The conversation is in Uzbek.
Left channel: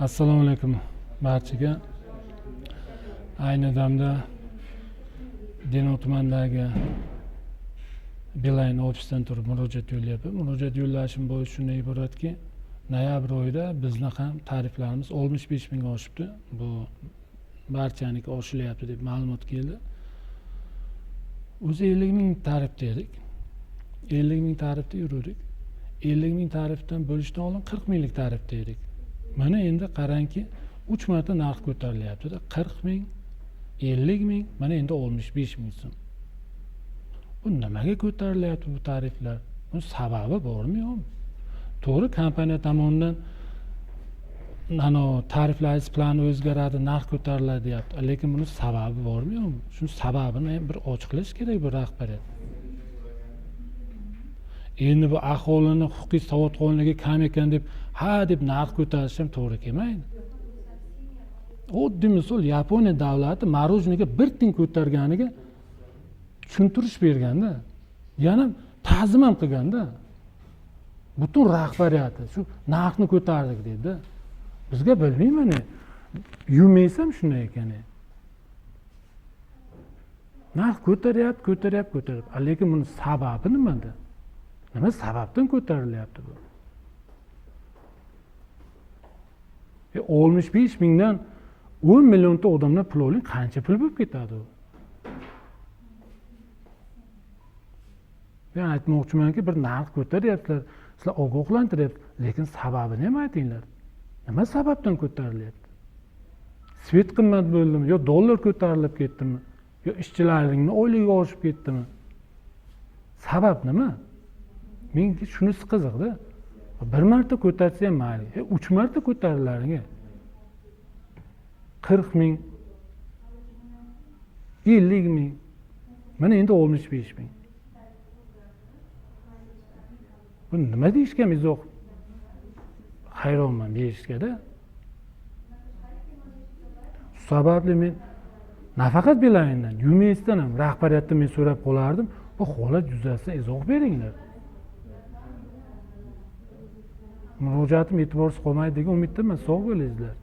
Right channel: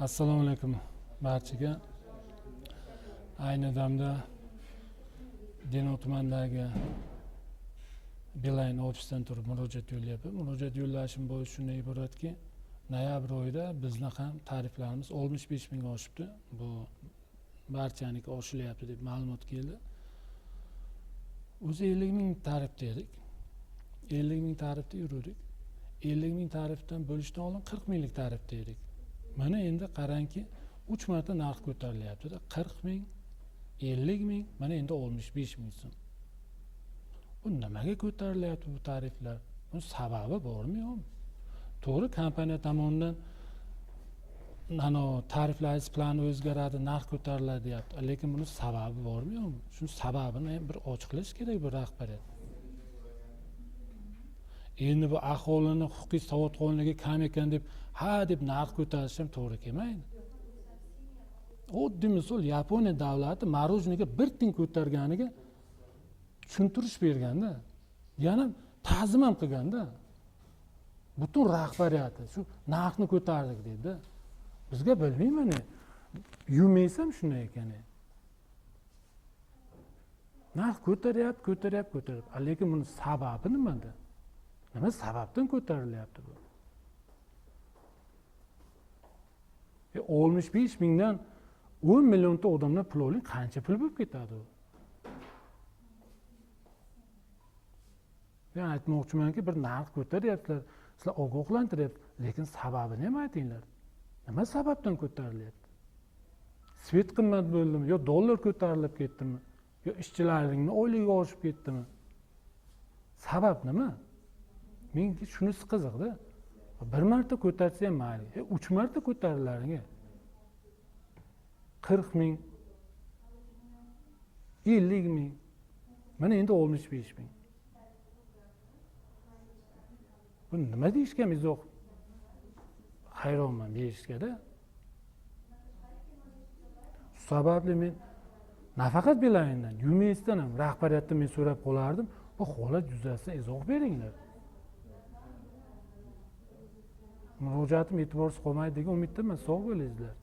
Assalomu alaykum barchaga. Ayni damda Denov tumanidagi Beeline ofisidan turib murojaat yo'llayapman. Murojaat yo'llashim bo'yicha shunday iboratki, noyabr oyida bizni ham tariflarimiz 65 mingga oshibdi. Bu barchaniki oshilyapti deb ma'lumot keldi. O'zi 50 ming tarifda edik. 50 ming tarifda yurdik. 50 ming tarifdan bo'lishdan oldin 40 minglik tarifda edik. Mana endi qarangki 3 marta narx ko'tarilyapti-da. 40 ming, 50 ming, mana endi 65 ming so'm. Bu nimaga ko'tarilyapti bu tariflar? Bu sababi bormi yo'qmi? To'g'ri, kompaniya tomonidan tariflaringiz plani o'zgaradi, narx ko'tariladi deyapti. Lekin buni sababi bormi yo'qmi? Shu sababini bir ochiqlash kerak bu rahbariyat. Endi bu aholini huquqiy savodxonligi kam ekan deb deb narx ko'tarish ham to'g'ri kelmaydi. Oddiy misol Yaponiya davlati marojniga bir tiyin ko'targaniga tushuntirish berganda, yana ta'zim ham qilganda, butun rahbariyati shu narxni ko'tardik dedi. Bizga bilmayman, yumaysam shunday ekan. Narx ko'taryapti. Lekin buni sababi nimada? Nima sababdan ko'tarilyapti bu? 65 mingdan 10 millionta odamlar pul olib qancha pul bo'lib ketadi u? Men aytmoqchimanki, bir narx ko'taryaptilar, sizlar ogohlantiryapsiz, lekin sababini ham aytinglar. Nima sababdan ko'tarilyapti? Svet qimmat bo'ldimi yo dollar ko'tarilib ketdimi? Yo ishchilarning oyligi oshib ketdimi? Sabab nima? Menga shunisi qiziqda. Bir marta ko'tarsa ham mayli, 3 marta ko'tarilaring. 40 ming, 50 ming, mana endi 65 ming. Bu nima deyishga izoh? Hayronman deyishga-da. Sababli men nafaqat Beeline'dan, Yumeysdan ham rahbariyatdan men so'rab qolardim, bu holat yuzasidan izoh beringlar. Murojaatim e'tiborsiz qolmaydi degan umiddaman. Sog' bo'linglar.